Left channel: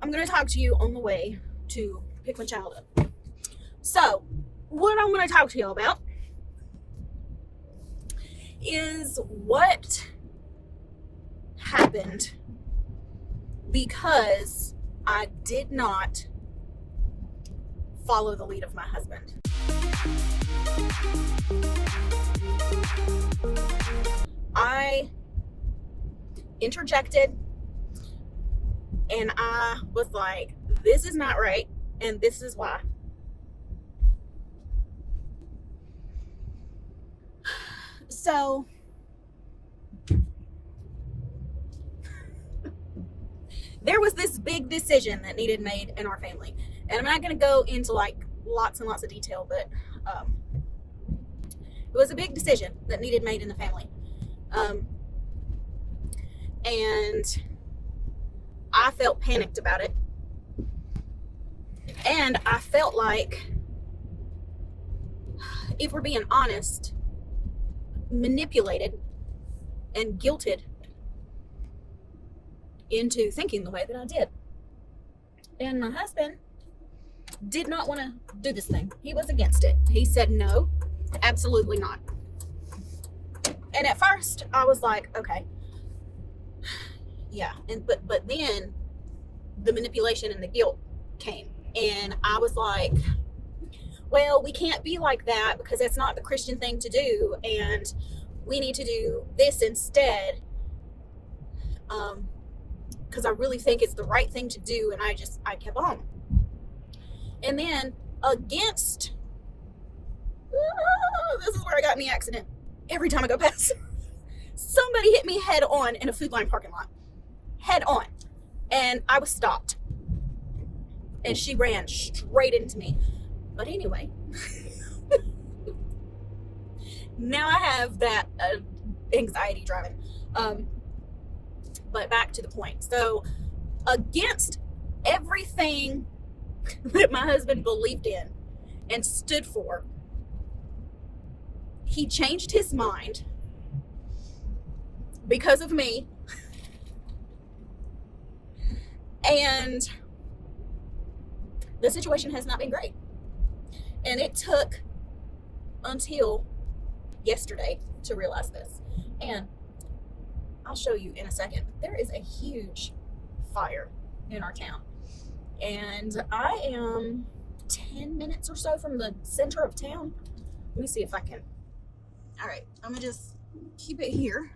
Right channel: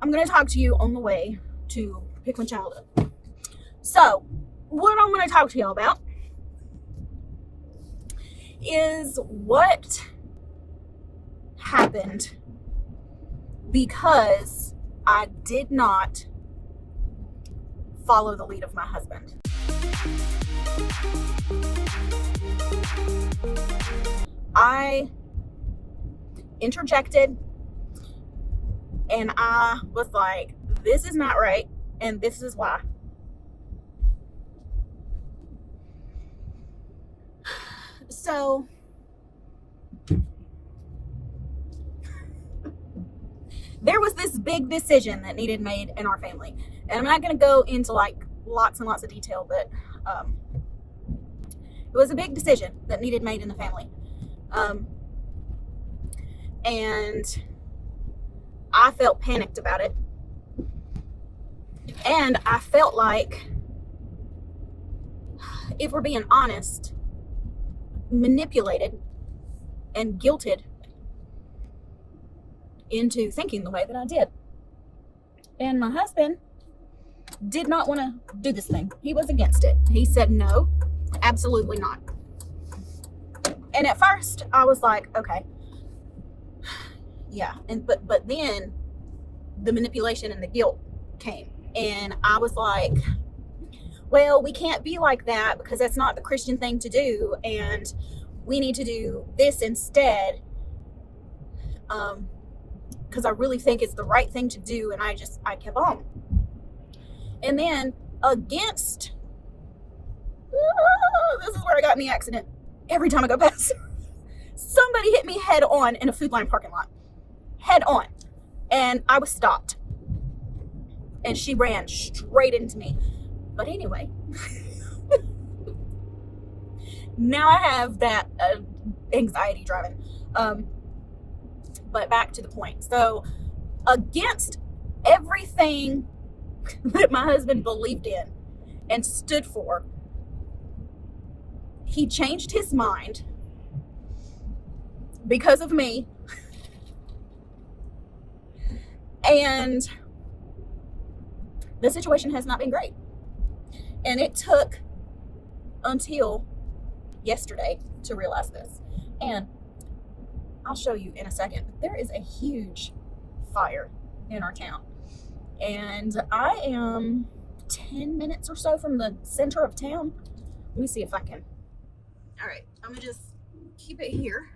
I'm going to talk to you on the way to pick my child up. So, what I'm going to talk to y'all about is what happened because I did not follow the lead of my husband. I interjected and I was like, this is not right, and this is why. So, there was this big decision that needed made in our family. And I'm not going to go into like lots and lots of detail, but it was a big decision that needed made in the family. And I felt panicked about it. And I felt like, if we're being honest, manipulated and guilted into thinking the way that I did. And my husband did not want to do this thing. He was against it. He said, no, absolutely not. And at first I was like, okay, yeah. And but then the manipulation and the guilt came, and I was like, well, we can't be like that because that's not the Christian thing to do, and we need to do this instead, because I really think it's the right thing to do. And I kept on. And then against, this is where I got in the accident. Every time I go past, somebody hit me head on in a Food Line parking lot. Head on. And I was stopped. And she ran straight into me. But anyway, now I have that anxiety driving. But back to the point. So, against everything that my husband believed in and stood for, he changed his mind because of me. And the situation has not been great. And it took until yesterday to realize this. And I'll show you in a second. There is a huge fire in our town. And I am 10 minutes or so from the center of town. Let me see if I can. All right, I'm gonna just keep it here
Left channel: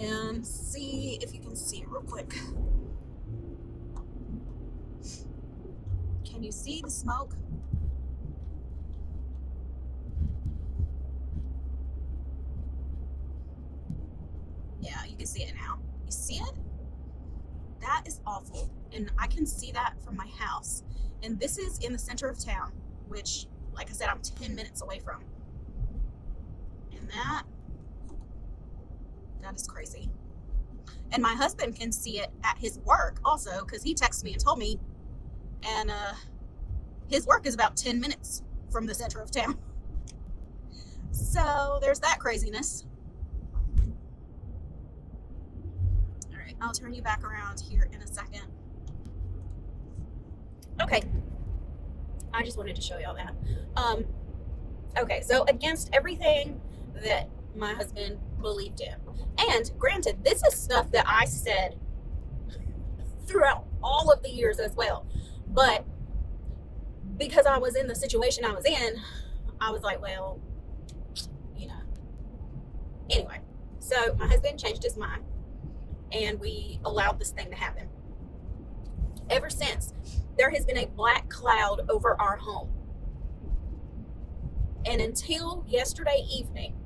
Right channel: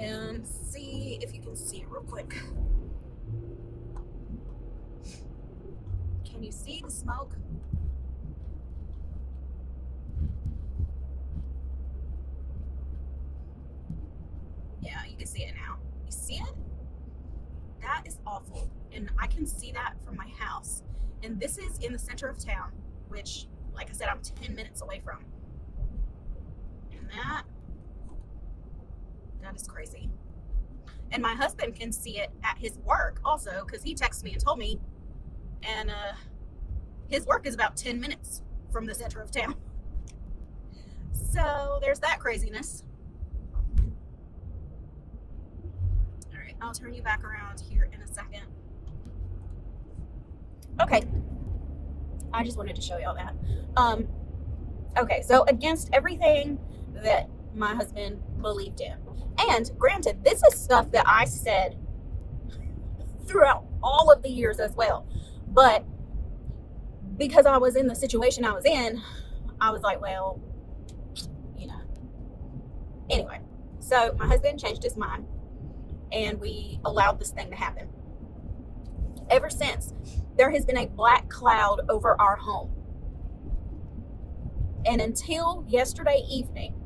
and see if you can see it real quick. Can you see the smoke? Yeah, you can see it now. You see it? That is awful. And I can see that from my house. And this is in the center of town, which, like I said, I'm 10 minutes away from. And that is crazy. And my husband can see it at his work also, because he texted me and told me. And his work is about 10 minutes from the center of town. So there's that craziness. All right, I'll turn you back around here in a second. Okay, I just wanted to show y'all that. Okay, so against everything that my husband believed in, and granted, this is stuff that I said throughout all of the years as well, but because I was in the situation I was in, I was like, well, you know. Anyway, so my husband changed his mind, and we allowed this thing to happen. Ever since, there has been a black cloud over our home. And until yesterday evening,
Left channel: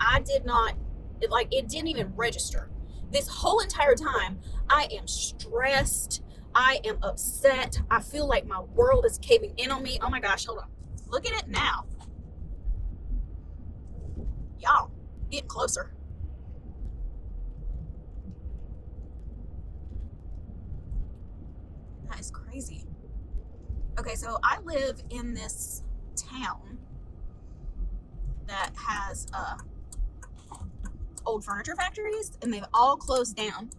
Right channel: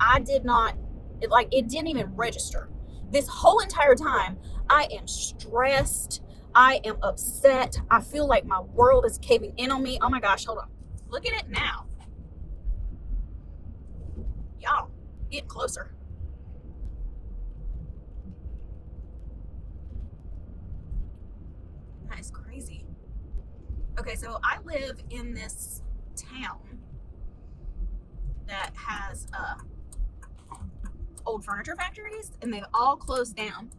I did not, it didn't even register. This whole entire time, I am stressed. I am upset. I feel like my world is caving in on me. Oh my gosh, hold on. Look at it now. Y'all, get closer. That is crazy. Okay, so I live in this town that has old furniture factories, and they've all closed down.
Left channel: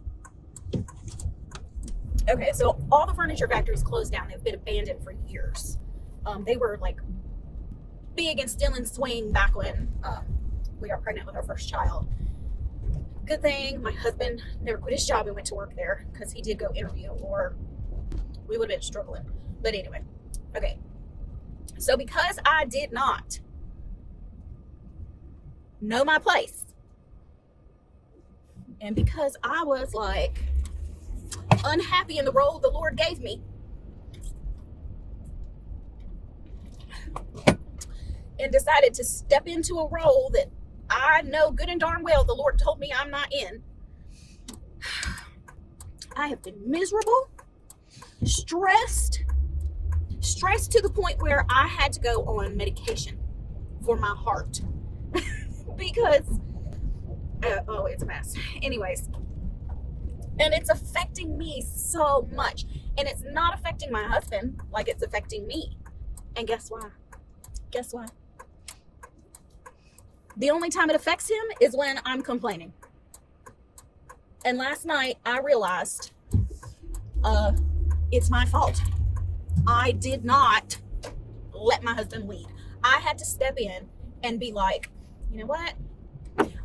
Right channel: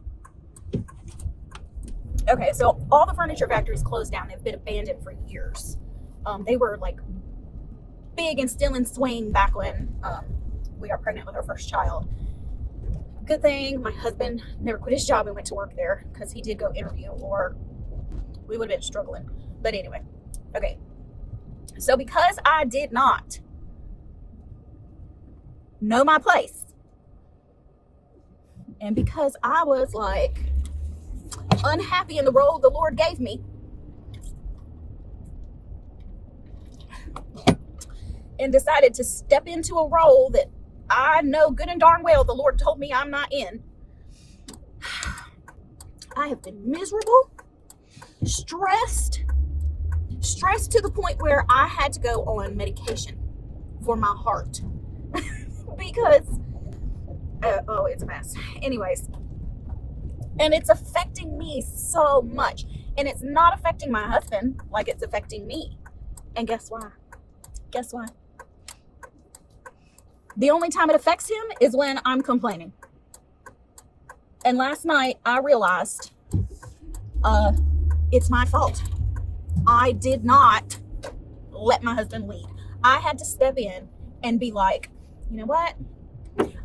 Okay, so all the furniture factories closed down. They've been abandoned for years. They were like big and still in swing back when we got pregnant with our first child. Good thing my husband never quit his job and went to work there, because he did go interview, or we would have been struggling. But anyway, okay. So because I did not know my place, and because I was like unhappy in the role the Lord gave me, and decided to step into a role that I know good and darn well the Lord told me I'm not in, I have been miserable, stressed to the point where I had to go on medication for my heart because it's a mess. Anyways, and it's affecting me so much, and it's not affecting my husband like it's affecting me. And guess why? The only time it affects him is when I'm complaining. And last night I realized it's my fault. I did not let my husband lead. I had to step in and be like, you know what?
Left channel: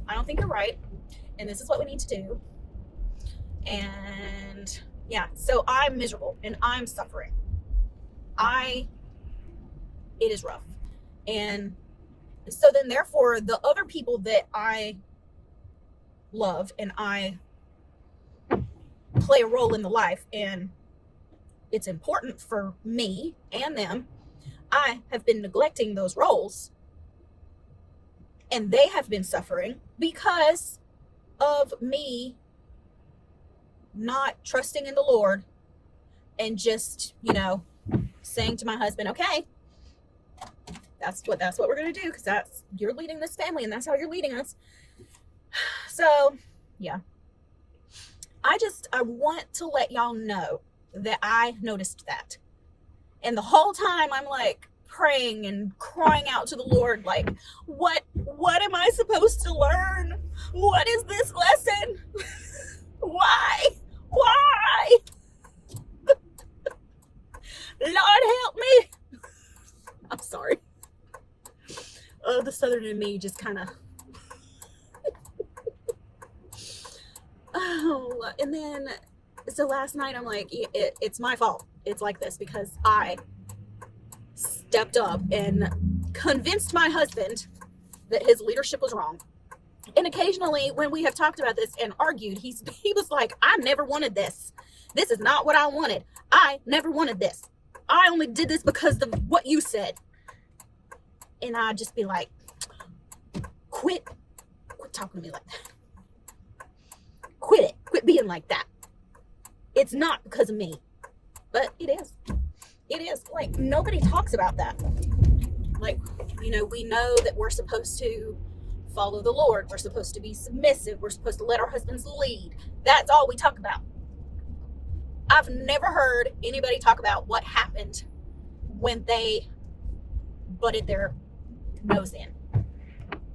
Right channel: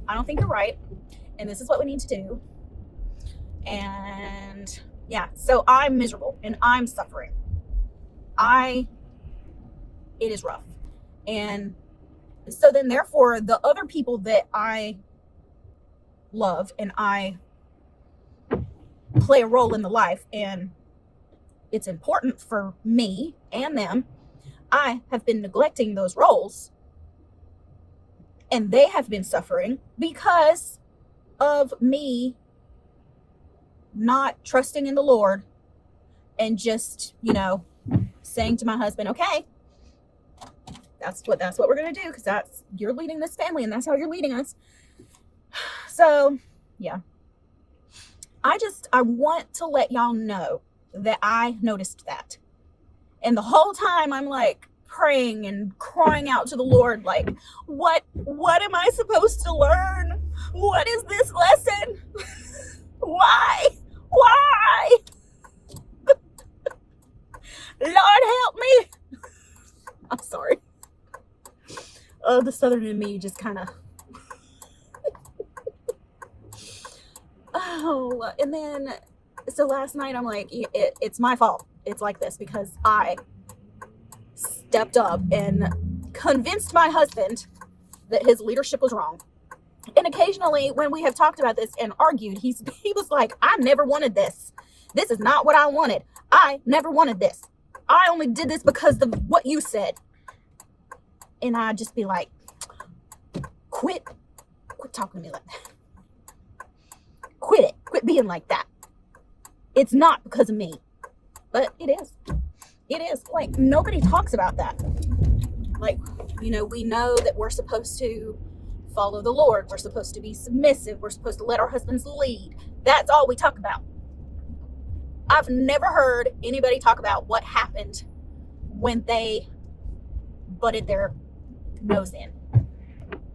I don't think you're right, and this is what we need to do. And yeah, so I'm miserable and I'm suffering. It is rough. And so then therefore the other people that I love and I play a role in the life, and it's important for me and them, I have been neglecting those roles, and they have been suffering because of me not trusting in the Lord and just, saying to my husband, okay, that's what we're going to do, because you're leading this family and that's how you're leading us. So yeah, I want to let y'all know that I noticed that. And the whole time I'm like praying and crying out to the Lord, like, what am I supposed to learn? What is this lesson? Why? Lord help me. I'm sorry. The Southern in me just kind of and then so last night I'm like, it's my fault it's like this, because I stepped up and convinced my husband that his leadership was wrong. And occasionally when we have talked about this and argued, he was like, I never wanted this. This is not what I wanted. I never wanted this. I only did this because of what you said. And I'd just be like, quit talking to me like that. Quit being like that. It's not because of me, but it is. Like, nobody talks about that. Like, we know that we're supposed to follow the Lord. We're supposed to be submissive. We're supposed to let our husbands lead. That's all we talk about. I've never heard anybody talk about what happened when they butted their nose in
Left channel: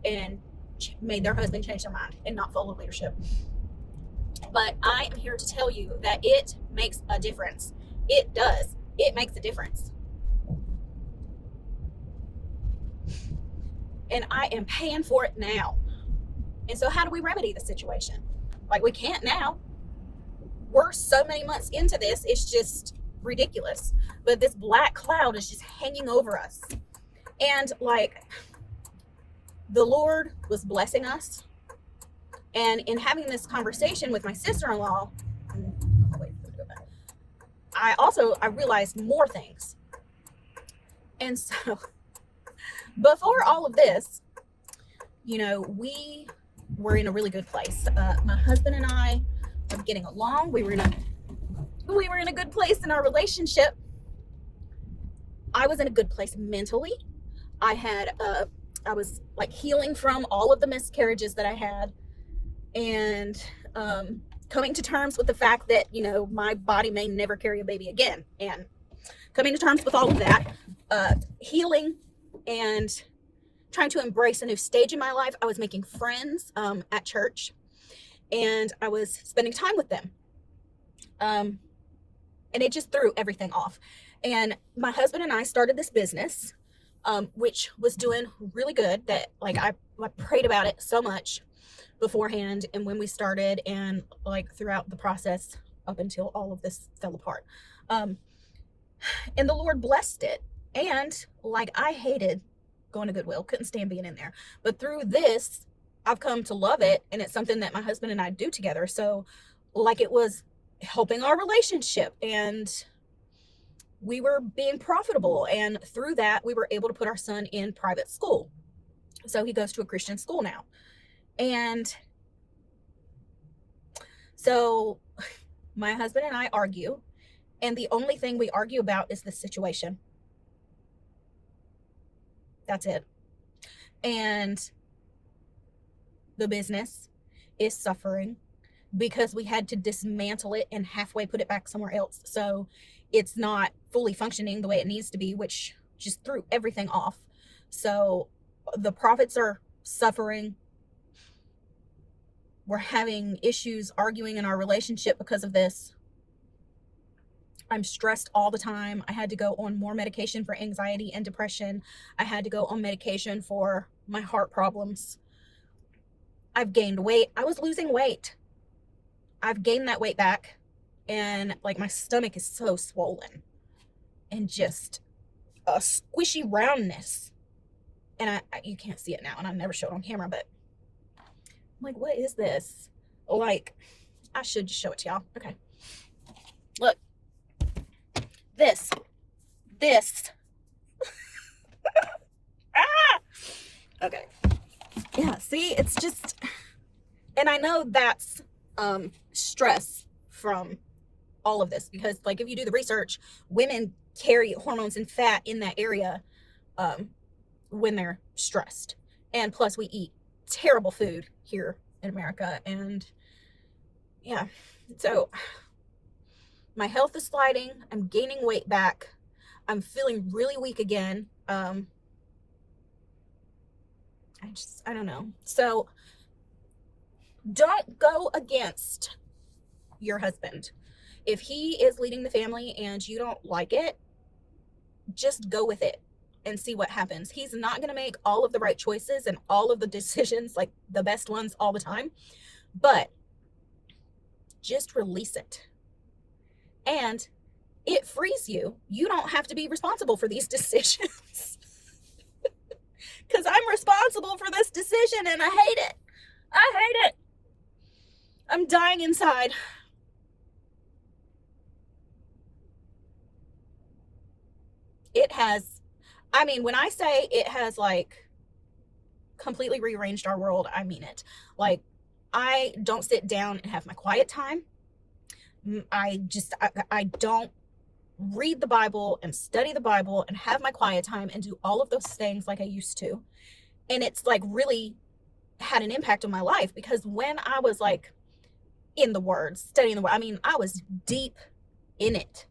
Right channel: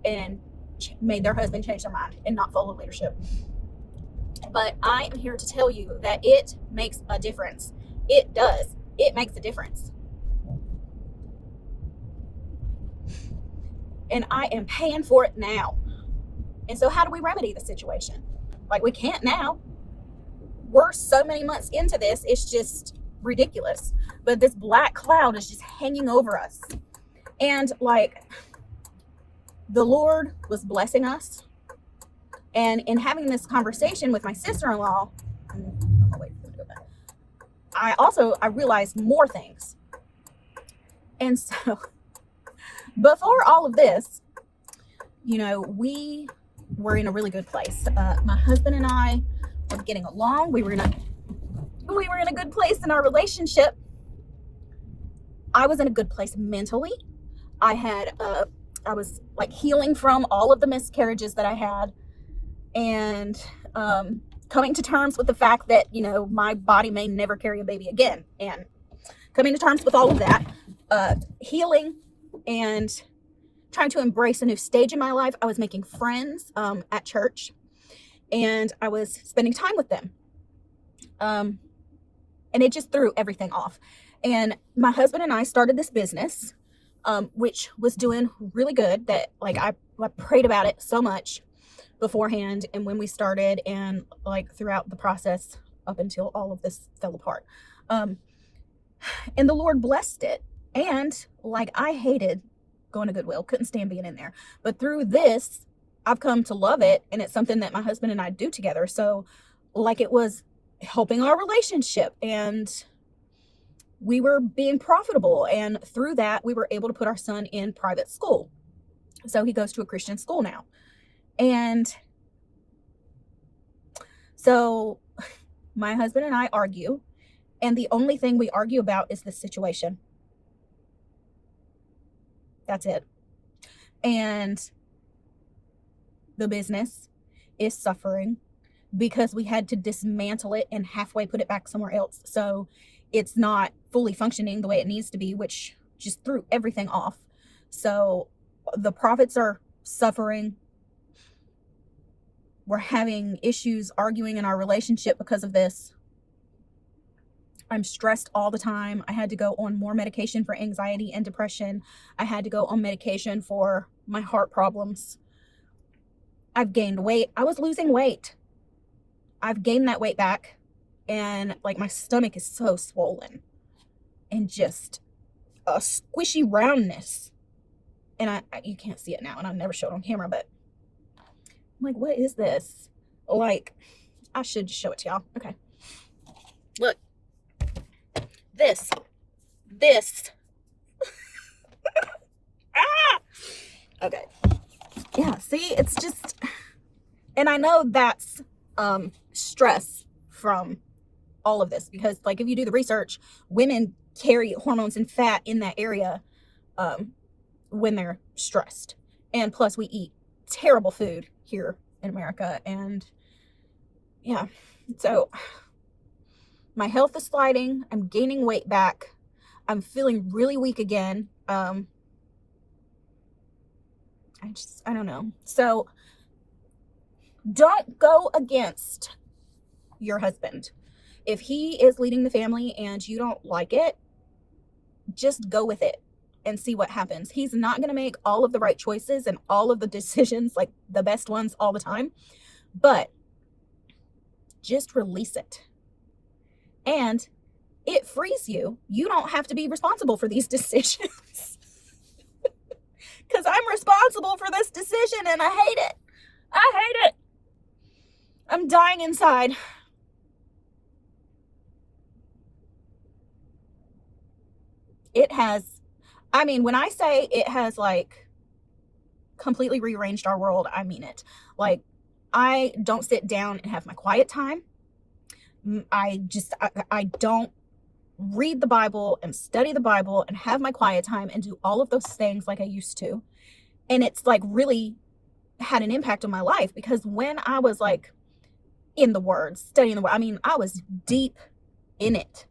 and made their husband change their mind and not follow leadership. But I am here to tell you that it makes a difference. It does. It makes a difference. And I am paying for it now. And so how do we remedy the situation? Like, we can't now. We're so many months into this, it's just ridiculous. But this black cloud is just hanging over us. And like, the Lord was blessing us. And in having this conversation with my sister-in-law, I realized more things. And so before all of this, we were in a really good place. My husband and I were getting along. We were in a good place in our relationship. I was in a good place mentally. I was like healing from all of the miscarriages that I had, and coming to terms with the fact that, my body may never carry a baby again, and coming to terms with all of that, healing and trying to embrace a new stage in my life. I was making friends at church, and I was spending time with them. And it just threw everything off. And my husband and I started this business, which was doing really good. That like I prayed about it so much beforehand and when we started, and like throughout the process up until all of this fell apart. And the Lord blessed it. And like I hated going to Goodwill, couldn't stand being in there. But through this, I've come to love it, and it's something that my husband and I do together. So like it was helping our relationship, and we were being profitable, and through that we were able to put our son in private school. So he goes to a Christian school now. And so my husband and I argue, and the only thing we argue about is this situation. That's it. And the business is suffering because we had to dismantle it and halfway put it back somewhere else. So it's not fully functioning the way it needs to be, which just threw everything off. So the profits are suffering. We're having issues arguing in our relationship because of this. I'm stressed all the time. I had to go on more medication for anxiety and depression. I had to go on medication for my heart problems. I've gained weight. I was losing weight. I've gained that weight back. And like my stomach is so swollen and just a squishy roundness. And you can't see it now, and I never show it on camera, but I'm like, what is this? Like, I should just show it to y'all. Okay. Look. This. Ah! Okay. Yeah, see, it's just, and I know that's stress from all of this, because like if you do the research, women carry hormones and fat in that area when they're stressed. And plus we eat terrible food here in America, and yeah, so my health is sliding. I'm gaining weight back. I'm feeling really weak again. I don't know. So don't go against your husband. If he is leading the family and you don't like it, just go with it and see what happens. He's not going to make all of the right choices and all of the decisions, like the best ones all the time, but just release it. And it frees you. You don't have to be responsible for these decisions. Because I'm responsible for this decision and I hate it. I hate it. I'm dying inside. It has, I mean, when I say it has like completely rearranged our world, I mean it. Like, I don't sit down and have my quiet time. I don't read the Bible and study the Bible and have my quiet time and do all of those things like I used to. And it's like really had an impact on my life, because when I was like in the Word, studying the Word, I mean, I was deep in it.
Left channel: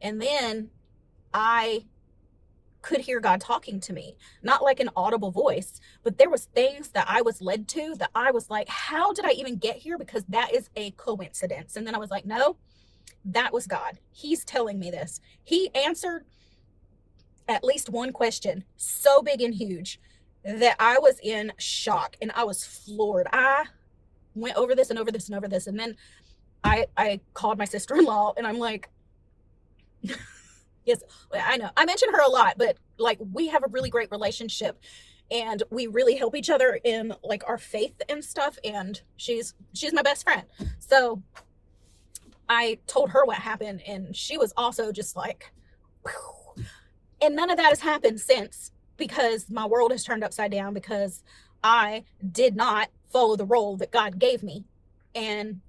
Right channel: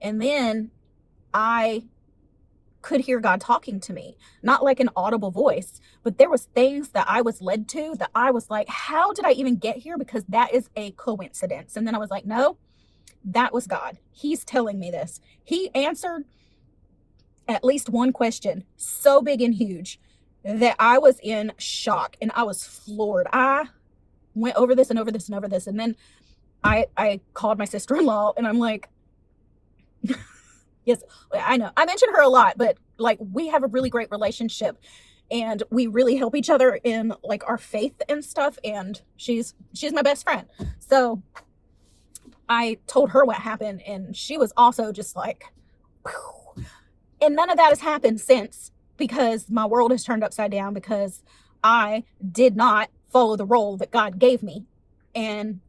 And then I could hear God talking to me, not like an audible voice, but there was things that I was led to that I was like, how did I even get here? Because that is a coincidence. And then I was like, no, that was God. He's telling me this. He answered at least one question so big and huge that I was in shock and I was floored. I went over this and over this and over this. And then I called my sister-in-law and I'm like, yes, I know I mention her a lot, but like we have a really great relationship and we really help each other in like our faith and stuff. And she's my best friend. So I told her what happened and she was also just like, whew. And none of that has happened since, because my world has turned upside down because I did not follow the role that God gave me and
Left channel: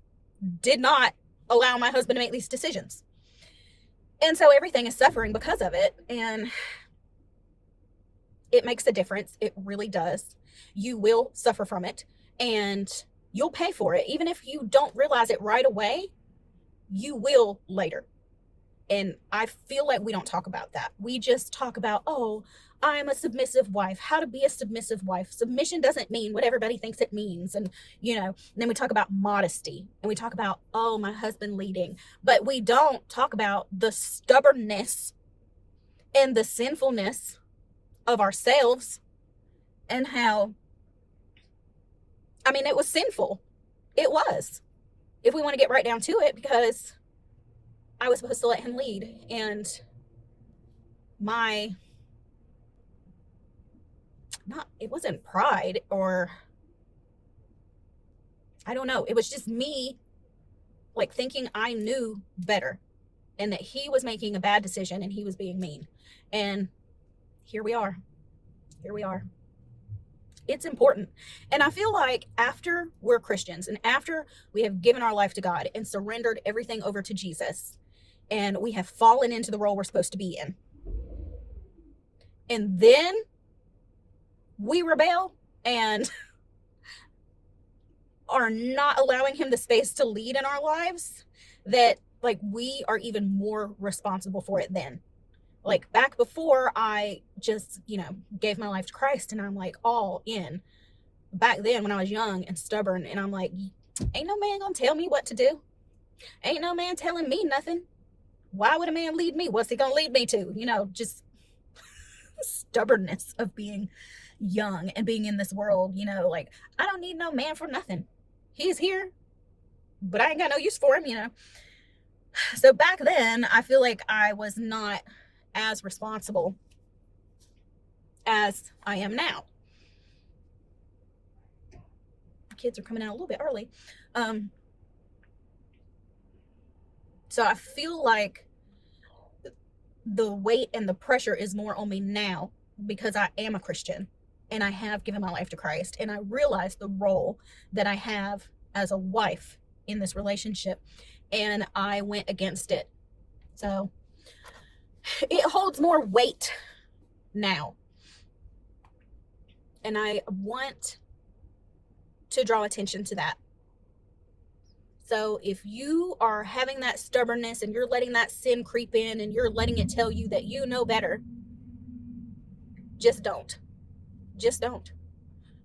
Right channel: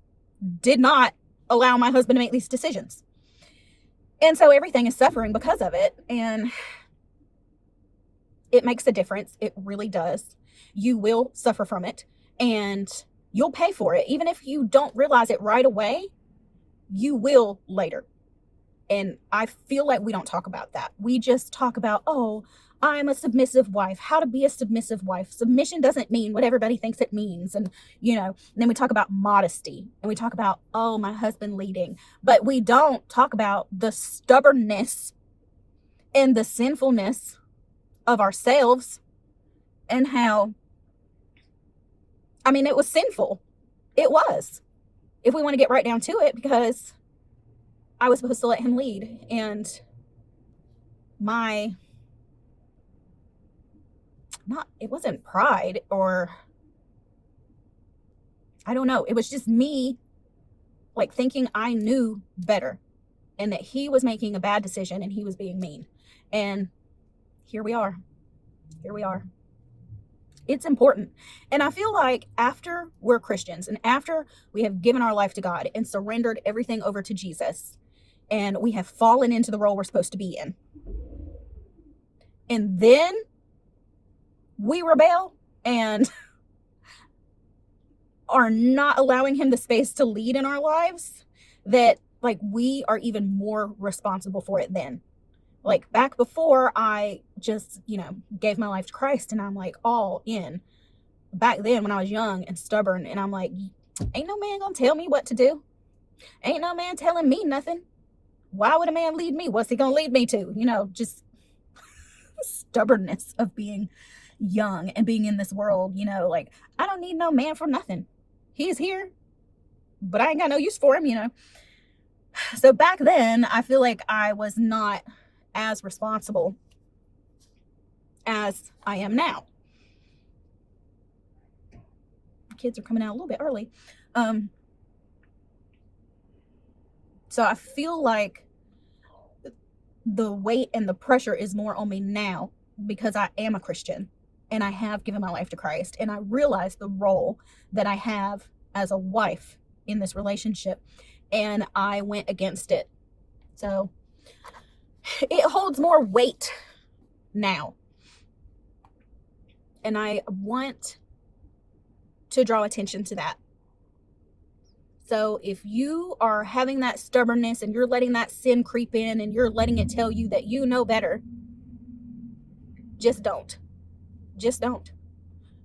did not allow my husband to make these decisions. And so everything is suffering because of it. And it makes a difference. It really does. You will suffer from it and you'll pay for it. Even if you don't realize it right away, you will later. And I feel like we don't talk about that. We just talk about, oh, I'm a submissive wife, how to be a submissive wife. Submission doesn't mean what everybody thinks it means. And, and then we talk about modesty and we talk about, oh, my husband leading. But we don't talk about the stubbornness and the sinfulness of ourselves and how, it was sinful. It was. If we want to get right down to it, because I was supposed to let him lead. And it wasn't pride, or I don't know. It was just me like thinking I knew better and that he was making a bad decision and he was being mean. And here we are. It's important. And I feel like after we're Christians and after we have given our life to God and surrendered everything over to Jesus, and we have fallen into the role we're supposed to be in, and then we rebel and are not allowing him the space to lead in our lives, that like we are even more responsible for it then. Like back before I just, gave my life to Christ and I'm like all in. Back then when I was young and stubborn and I'm like, ain't no man gonna tell me what to do. Ain't no man telling me nothing. Why would a man lead me? What's he gonna lead me to? Just stubbornness of being young and being in this world, like I don't need no man for nothing. He is here, but I ain't got no use for him, So back then I feel like I was not as responsible as I am now. Kids are coming out a little bit early. So I feel like the weight and the pressure is more on me now because I am a Christian and I have given my life to Christ, and I realize the role that I have as a wife in this relationship, and I went against it. So it holds more weight now. And I want to draw attention to that. So if you are having that stubbornness and you're letting that sin creep in and you're letting it tell you that you know better, just don't. Just don't.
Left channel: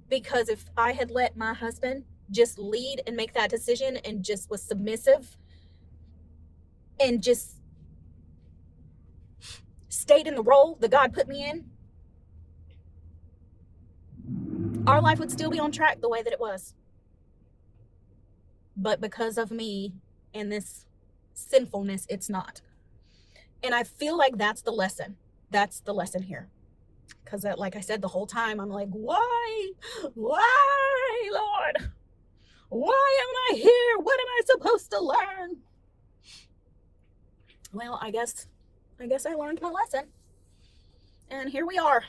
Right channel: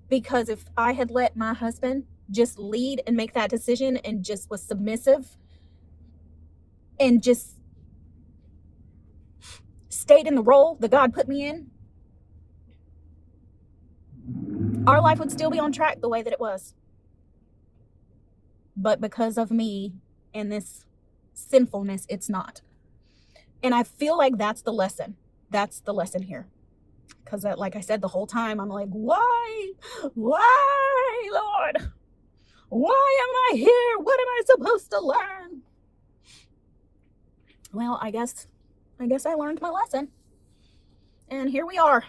Because if I had let my husband just lead and make that decision and just was submissive and just stayed in the role that God put me in, our life would still be on track the way that it was. But because of me and this sinfulness, it's not. And I feel like that's the lesson. That's the lesson here. Because like I said, the whole time I'm like, why, Lord? Why am I here? What am I supposed to learn? Well, I guess I learned my lesson. And here we are.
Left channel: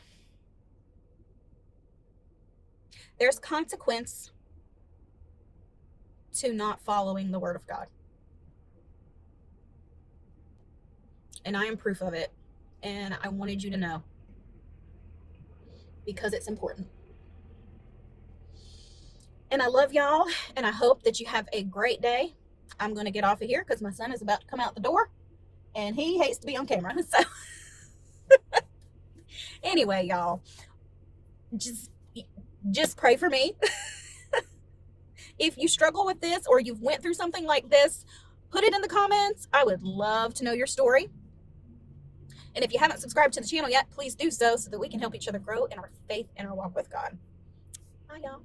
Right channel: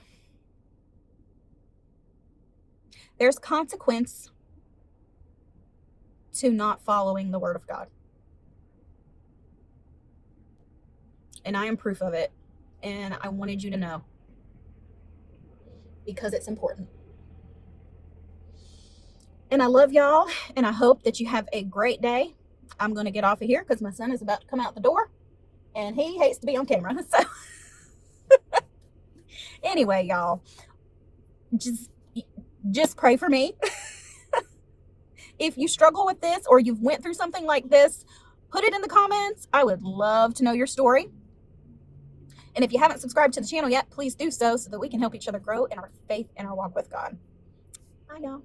There's consequence to not following the word of God. And I am proof of it. And I wanted you to know. Because it's important. And I love y'all. And I hope that you have a great day. I'm going to get off of here because my son is about to come out the door. And he hates to be on camera. So anyway, y'all, just pray for me. If you struggle with this or you've went through something like this, put it in the comments. I would love to know your story. And if you haven't subscribed to the channel yet, please do so that we can help each other grow in our faith and our walk with God. Bye, y'all.